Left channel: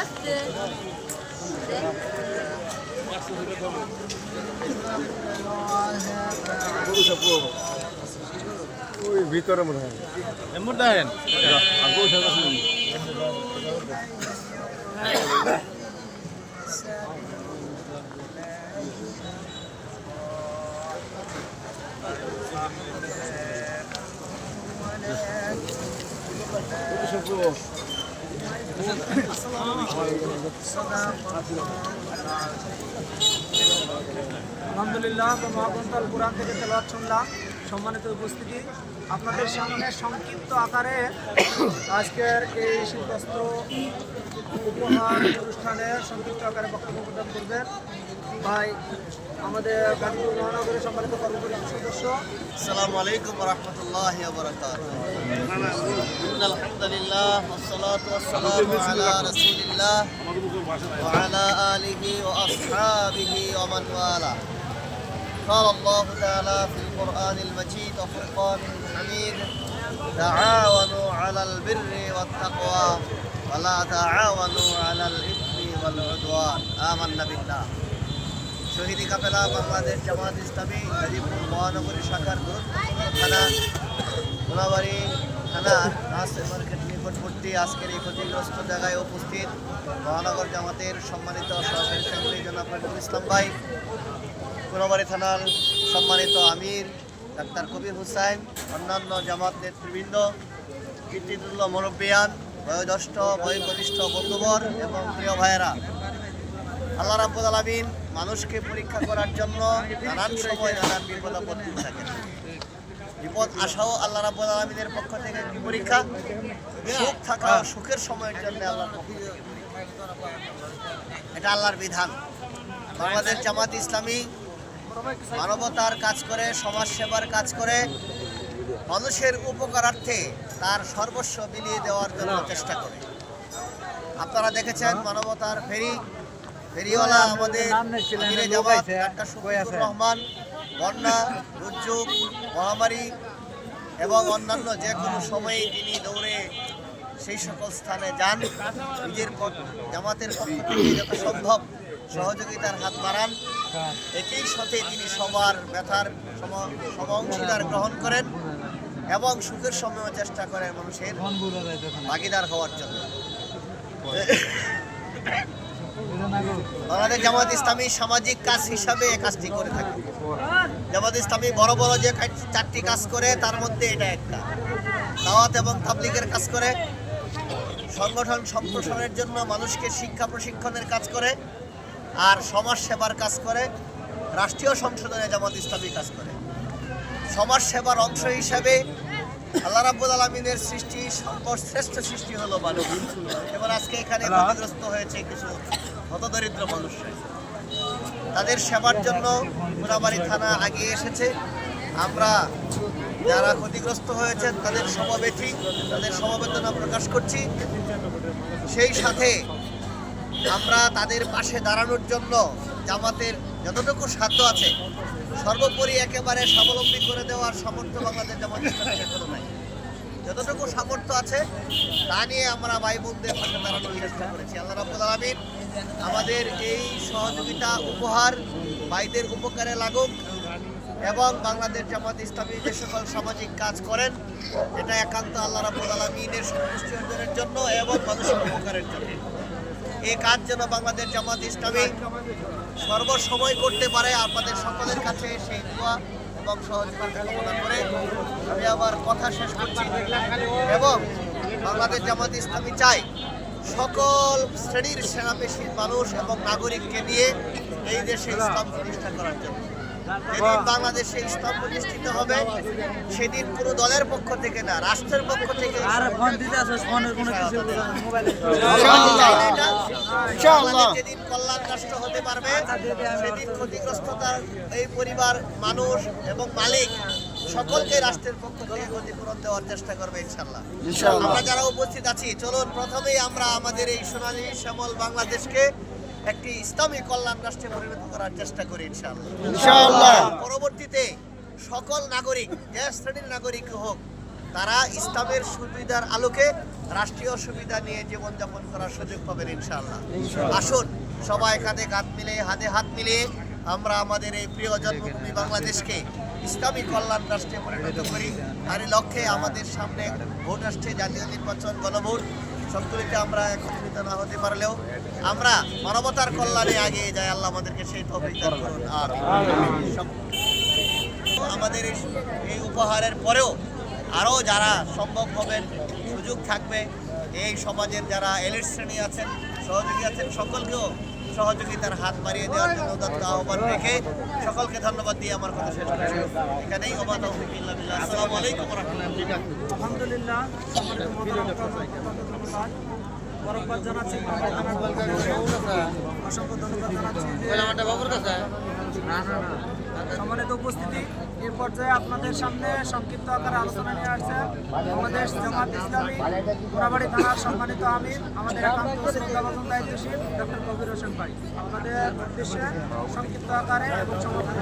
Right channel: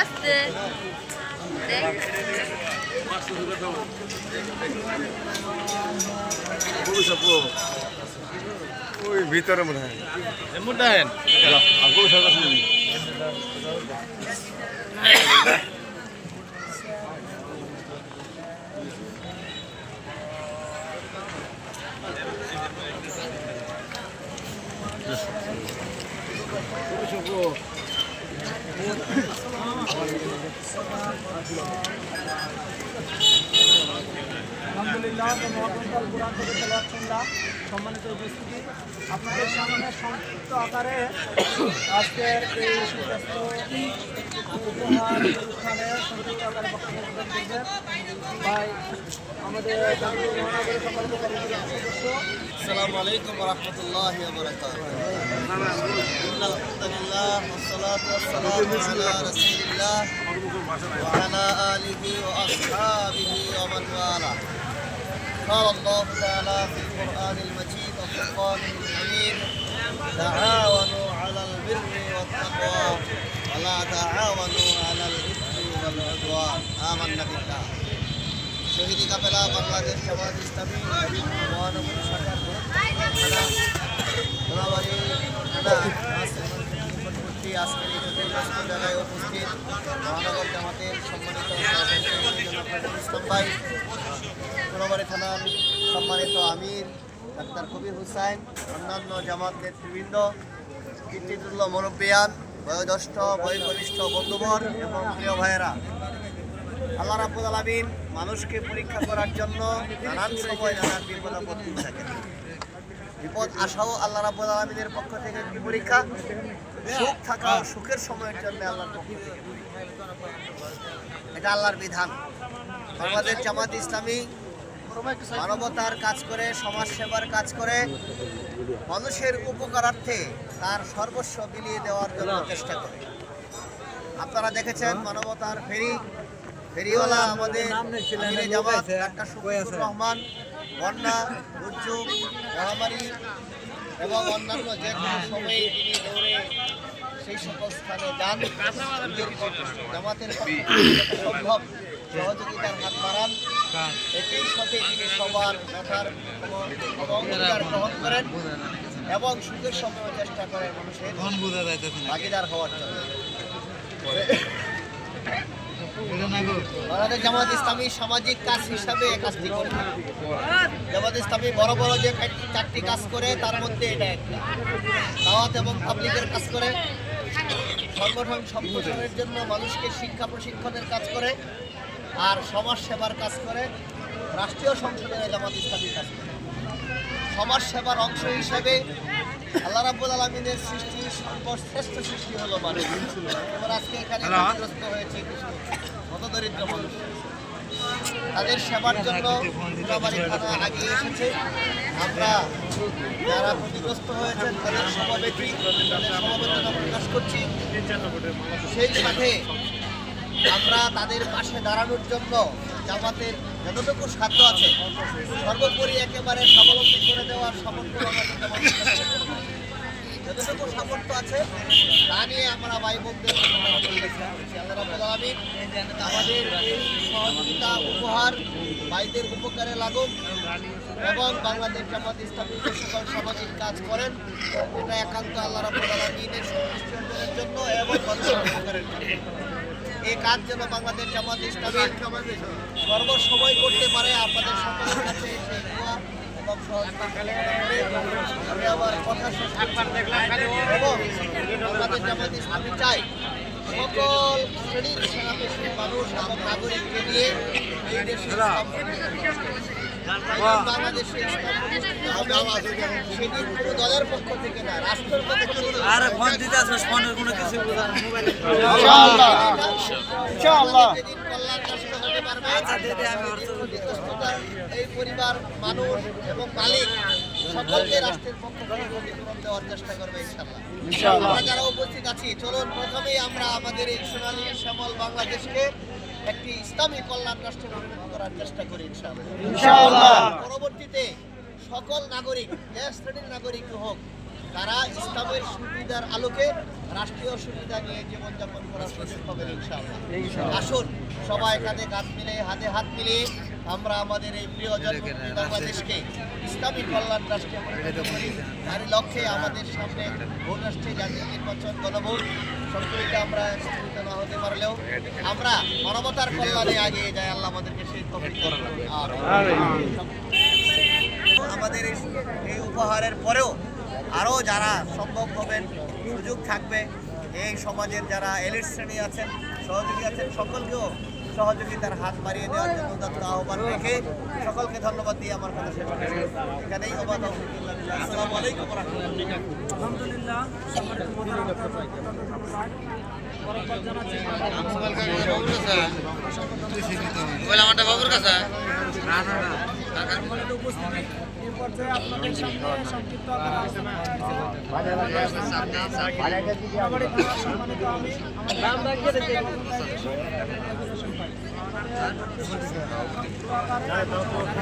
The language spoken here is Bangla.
আসতে ওই ভিতরে মনে হয় আলহামদুলিল্লাহ, মহাগ্রন্থ আল কুরআন থেকে তেলাওয়াত শুনলাম। সম্মানিত উপস্থিতি, আপনাদের সামনে সংক্ষিপ্ত আকারে আজকের এই সুব্যস্ত উপহার অনুষ্ঠানে সংক্ষিপ্ত আকারে বক্তব্য প্রদান করবেন ভাই আমাদের গাজীপুর মহানগরের সম্মানিত কর্মকর্তা সদস্য। আসসালামু আলাইকুম ওয়া রাহমাতুল্লাহি ওয়া বারাকাতুহু। ইন্নাল হামদুলিল্লাহ ওয়াসসালাতু ওয়াসসালামু আলা রাসূলিল্লাহ ওয়া আলা আলিহি ওয়া আসহাবিহি ওয়া মান ওয়ালা। قال الله تعالى في القرآن المجيد وفرقانه الحميد تعاونوا على البر والتقوى ولا تعاونوا على الإثم والعدوان آمنا بالله। শহীদ কাফেলা বাংলাদেশ জামাত ইসলামী গাজীপুর মহানগরী শাখার গুরুত্বপূর্ণ থানা কোনাবাড়ি থানা নাসির মার্কেট নিকটবর্তী আজকের এই ক্ষতিগ্রস্ত জায়গায় উপস্থিত মহানগর জামাতের সম্মানিত সভাপতি জনাব ইসলাম ভাই, কোনাবাড়ি থানার সম্মানিত আমির ডাক্তার কবির হুসাইন, অন্যান্য জামাত নেতৃবৃন্দ, কীর্তিতুল্য মুরব্বিয়ান, বয়োজ্যেষ্ঠ বয়োকনিষ্ঠ বন্ধুবর এবং প্রিয় ভাইয়েরা, আল্লাহ রাব্বুল আলামিন মানুষকে পরীক্ষা করার জন্য নানান সময় নানান বিপদ আপদ দিয়ে থাকেন। বিপদ আসাও আল্লাহ রাব্বুল আলামিনের পক্ষ থেকে একটি পরীক্ষা, সুখ থাকাও সুখের সময়ের জন্য আল্লাহর পক্ষ থেকে পরীক্ষা। এটা আল্লাহর বিধান। বাংলাদেশ জামাত ইসলামী মানবতার কাজ করে, সমাজ সেবার কাজ করে, মানুষের উপকারার্থে তার সর্বস্ব বিলিয়ে দেওয়ার জন্য চেষ্টা করে। আপনারা দেখেছেন মানবতার ফেরিওয়ালা আমাদের আমিরে জামাত ডাক্তার শফিকুর রহমান বন্যা, দুর্যোগ, মহামারী এবং অন্যান্য যে কোনো সময়ে তিনি দৌড়ে সেই সকল স্থানে যান, নিজের জামাতের পক্ষে যত সম্ভব সহযোগিতার হাত বাড়ান। একই সাথে তিনি সবার ব্যথার অংশীদার গ্রহণ করেন এবং সুখের সময়ও চেষ্টা করেন মানুষের ভাগিদার হওয়ার জন্য। বাংলাদেশ জামাত ইসলামী সামাজিক কাজ হিসাবে এই কাজটি করে থাকে। জামাত ইসলামী বড় বড় যে 4টি কাজ করে তার মধ্যে এটা একটা। দাওয়াত এবং তাবলীগের কাজ করে, সংগঠন সম্প্রসারণের জন্য মানুষকে শিক্ষা প্রশিক্ষণের কাজ করে, আর সমাজ সেবার কাজ করে। রাষ্ট্রীয় সংসদে জামাত ইসলামী কাজ করে। সমাজ সেবার অংশ হিসাবে আল্লাহ রাব্বুল আলামিনের সৃষ্টি সর্বশ্রেষ্ঠ সৃষ্টি হলো মানুষ। এবার আজকে এখানে ক্ষতিগ্রস্ত হয়েছে কিছু হতদরিদ্র মানুষ, তাদের সেবার জন্য কোনাবাড়ি থানা এগিয়ে এসেছে। আমরা যারা ক্ষতিগ্রস্ত হয়েছেন তাদের সমবেদনা প্রকাশ করছি। সেই সাথে আমরা তাদের পাশে দাঁড়ানোর জন্য জামাতের যতটুকু সাধ্য আছে সর্বোপরি একেবারে স্বাবলম্বী করে দেওয়ার সামর্থ্য আমাদের জামাত ইসলামের কোনো নাই। যতটুকু সামর্থ্য আছে তা নিয়ে আমরা ভাই বোনদের পাশে দাঁড়ানোর চেষ্টা করেছি। আল্লাহ রাব্বুল আলামিন আমাদের এই সহযোগিতা উপহার ভাইদের উপকারে লাগুক এবং বাংলাদেশ জামাত ইসলামী যে সকল সামাজিক কাজ করেন এটা একান্ত আল্লাহ রাব্বুল আলামিনের সন্তুষ্টি অর্জনের জন্য এবং মানুষের উপকারের জন্য। এই কাজ যেন বাংলাদেশ জামাত ইসলামী সর্বসময় করতে পারে, আপনাদের সকলের কাছে সেই দোয়া এবং সহযোগিতা কামনা করে আমি আবার কথা শেষ করছি। এবং বাংলাদেশ জামাত ইসলামী চাই সকল শ্রেণীর সেনাপেশীর মানুষ এবং নাগরিককে নিয়ে এই দেশে ইসলাম প্রতিষ্ঠা করার জন্য। যেদিন বাংলাদেশে ইসলাম প্রতিষ্ঠিত হবে সেদিন কোনো দলের পক্ষ থেকে না, রাষ্ট্রের পক্ষ থেকে যেদিন কল্যাণ রাষ্ট্র হতে পারবে সেদিন ক্ষতিগ্রস্ততার এই পরিবার, মানুষ এবং মালিক সকলকে রাষ্ট্রের পক্ষ থেকে ক্ষতিপূরণ দেওয়ার চেষ্টা করবে ইনশাআল্লাহ। আমরা যারা উপস্থিত আছি, চলুন প্রথমেই আমরা আমাদের এই সোনালী শ্যামল বাংলাদেশকে একটি ইসলামী কল্যাণ রাষ্ট্রে পরিণত করার চেষ্টা করি ইনশাআল্লাহ। পরবর্তীতে সকল নাগরিক, যে শ্রেণীর নাগরিক হোক, তারা ইসলামের সুবিধার আলোকে রাষ্ট্রীয় সুবিধা নিয়ে জীবনযাপন করার সুযোগ পাবেন ইনশাআল্লাহ। আসুন সবাই কাঁধে কাঁধ মিলিয়ে হাতে হাত মিলিয়ে আমরা আমাদের এই প্রিয় জন্মভূমি বাংলাদেশকে ইসলামী কল্যাণ রাষ্ট্রে পরিণত করি। তারই লক্ষ্যে আমাদের সামনে ভোট আসছে, জাতীয় নির্বাচন, গণভোট। সবগুলিতে আমরা একত্রিত না হতে পারলেও আমরা মানবতার কল্যাণে এগিয়ে যাই। আল্লাহ আমাদেরকে সেই তৌফিক দান করুন। আর আমাদের এই উপহারের পরেও আরও যারা সম্ভব হবেন, সুযোগ থাকবে, এই সমাজের যারা এলিট শ্রেণী আছেন, সহযোগী আছেন, সকলকেও সহযোগিতার হাত বাড়িয়ে দেওয়ার জন্য উদাত্ত আহ্বান রেখে সকলকে ধন্যবাদ দিয়ে আমার কথা শেষ করছি। এখানেই ওমা তৌফিক ইল্লা বিল্লাহ। আসসালামু আলাইকুম ওয়া রাহমাতুল্লাহ। আলহামদুলিল্লাহ, সম্মানিত মোহতারাম ধন্যবাদ। বরকবাদ জানাচ্ছি সম্মানিত উপস্থিতি। এই পর্যায়ে আপনাদের সামনে সংক্ষিপ্ত আকারে আলোচনা নিয়ে আসছে আমাদের জামাত ইসলামী মোরাবাড়ি থানার সম্মানিত আমির, আমাদের একান্ত শ্রদ্ধাভাজন দায়িত্বশীল ডক্টর কবির হোসেন ভাই। আমাদের উদ্দেশ্যে সংক্ষিপ্ত আকারে এবং সমর্থন